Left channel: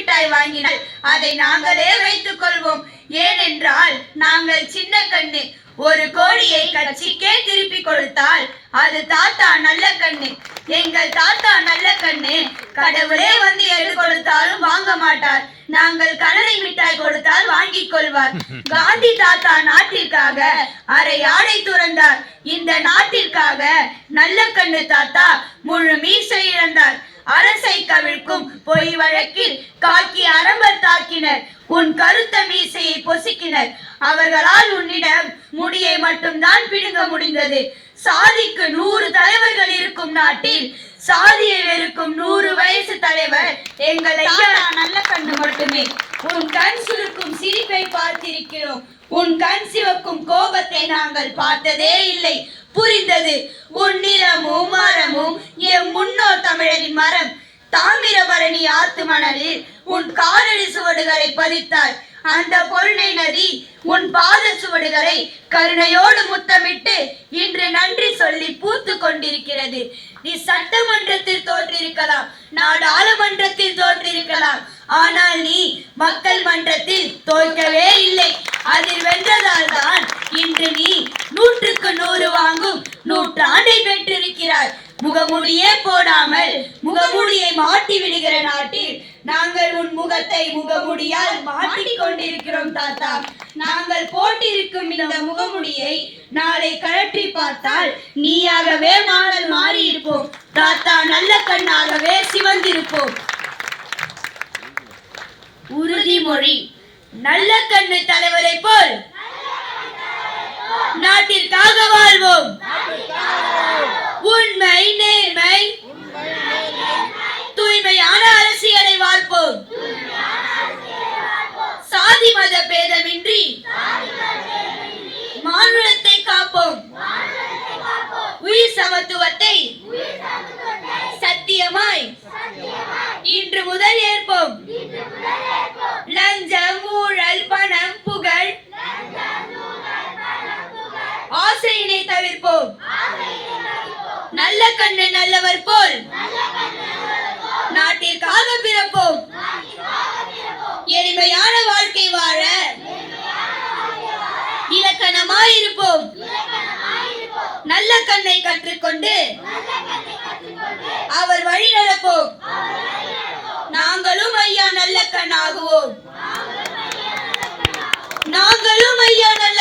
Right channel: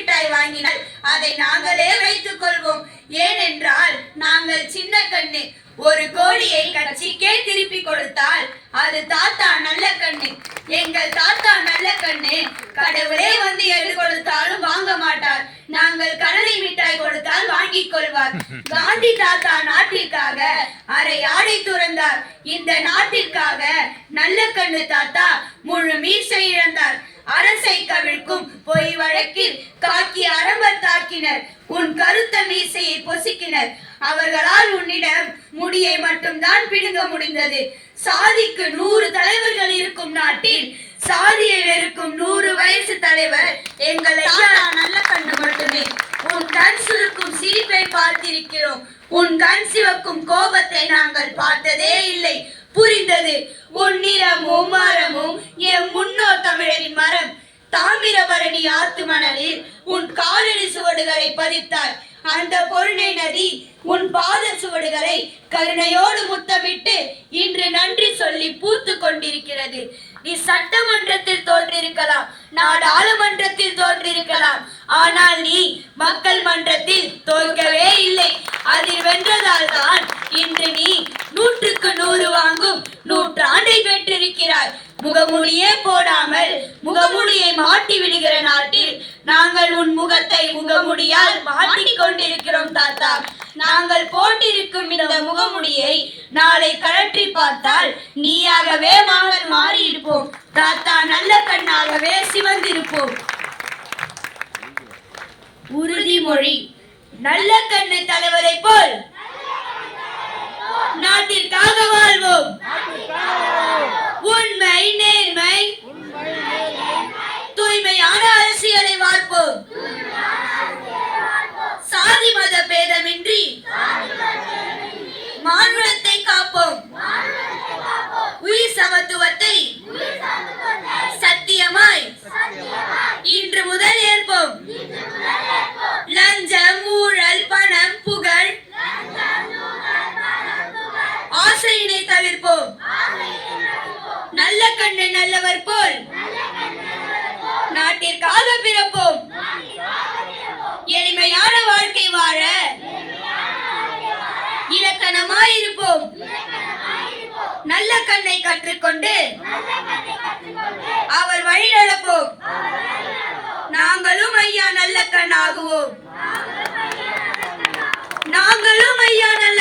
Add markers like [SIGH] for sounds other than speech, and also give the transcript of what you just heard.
மிட்டாய் வாங்கினால் அதை நாங்களே வைத்துக் கொள்வோம் ஏனென்றால் நாங்கள் சின்ன கண்ணு ஒரு கோழியை கட்சிக்கே திருப்பி கொடுத்தால் அது தாத்தா நல்ல கண்ணு. எங்கள் தாத்தா நல்ல கண்ணு கடவுளே வந்து எது கொடுத்தாலும் வாங்க மாட்டார். நாங்கள் கடலை மிட்டாய் கொடுத்தால் வாங்கிக் கொள்வார். [LAUGHS] காந்தி தாத்தா நாட்டிற்காக அரை ஆடை துறந்தார். இந்த நாட்டிற்காக நல்ல கண்ணு தாத்தா முழு மீசை இழந்தார். அரசை கவிழ்க்கும் பொய் வழக்கில் காக்கி அரம்பர் தாக்கினர். உன் கருத்த மீசையை பொசுக்கினர். அவர்களால் உன்னிடம் முடியை மட்டும்தான் பிடுங்க முடிந்தது. சாதிக்கு நூறு தலைவர்கள் இருக்கும் நாட்டில் சாதியை வெறுக்கும் நூறு வயசு தலைவர் எங்கள் ஐயா நல்ல கண்டு மட்டுமே. உன் கண் சுருக்கும் சிரிப்பை பார்த்திருக்கிறோம். உன் கண் சிவக்கும் கோபத்தை நாங்கள் பார்த்ததே இல்லை. புரிந்தது. உன் நிறமும் மரமும் என் முன்னோர் தமிழரின் மரம். தாமிரபரணி ஆத்து மணலில் உன் காலடி சுவடுகளை பதித்தாய். அந்த பொருணை நதி உன் பாத சுவடுகளை கருணையோடு முத்தமிட்டு இன்று நன்றி சொல்லி பூத்து கொண்டிருக்கிறது. நீ சட்டமன்றத்தில் தோன்றிருக்கலாம் நாடாளுமன்றத்தில் தோன்றிருக்கலாம். ஆனால் நீ மக்கள் மன்றத்தில் தோற்கவே இல்லை. அதில் வென்றதால் தான் இன்று நீ நூற்றுக்கு நூறு வாங்கும் நூற்றாண்டை பெற்றிருக்கிறாய். முகமூடியே போடாமல் முகமூடியை மாட்டி விடுகிற நாட்டில் நாங்கள் உன் முகத்தை முகமுடியால் மாட்டிக் கொண்டிருக்கிறோம் தாத்தா. நாங்கள் போட்டிருக்கும் இந்த முகமுடியை நாளை கழற்றி பார்த்தால் நீயாகவே நாங்கள் மாறியிருப்போம். தாத்தா நல்ல கண்ணாகவே சிவந்திருப்போம். உறுதிமொழி. நல்ல கண்ணு தலைவரை போல் நாட்டிற்காக வாழ்வோம். ஆசையினை நல்ல கண்ணு நல்லவர் போல் நாட்டிற்காக பிறப்போம். எளிமையான வாழ்க்கை வாழ. இலக்கணமாயிருப்போம் நல்ல கண்ணை கற்றுக்கொண்டு அவர் வழி நடப்போம். நாங்களும் ஐயா நல்ல கண்ணாகுவோம். நாங்களும் ஐயா நல்ல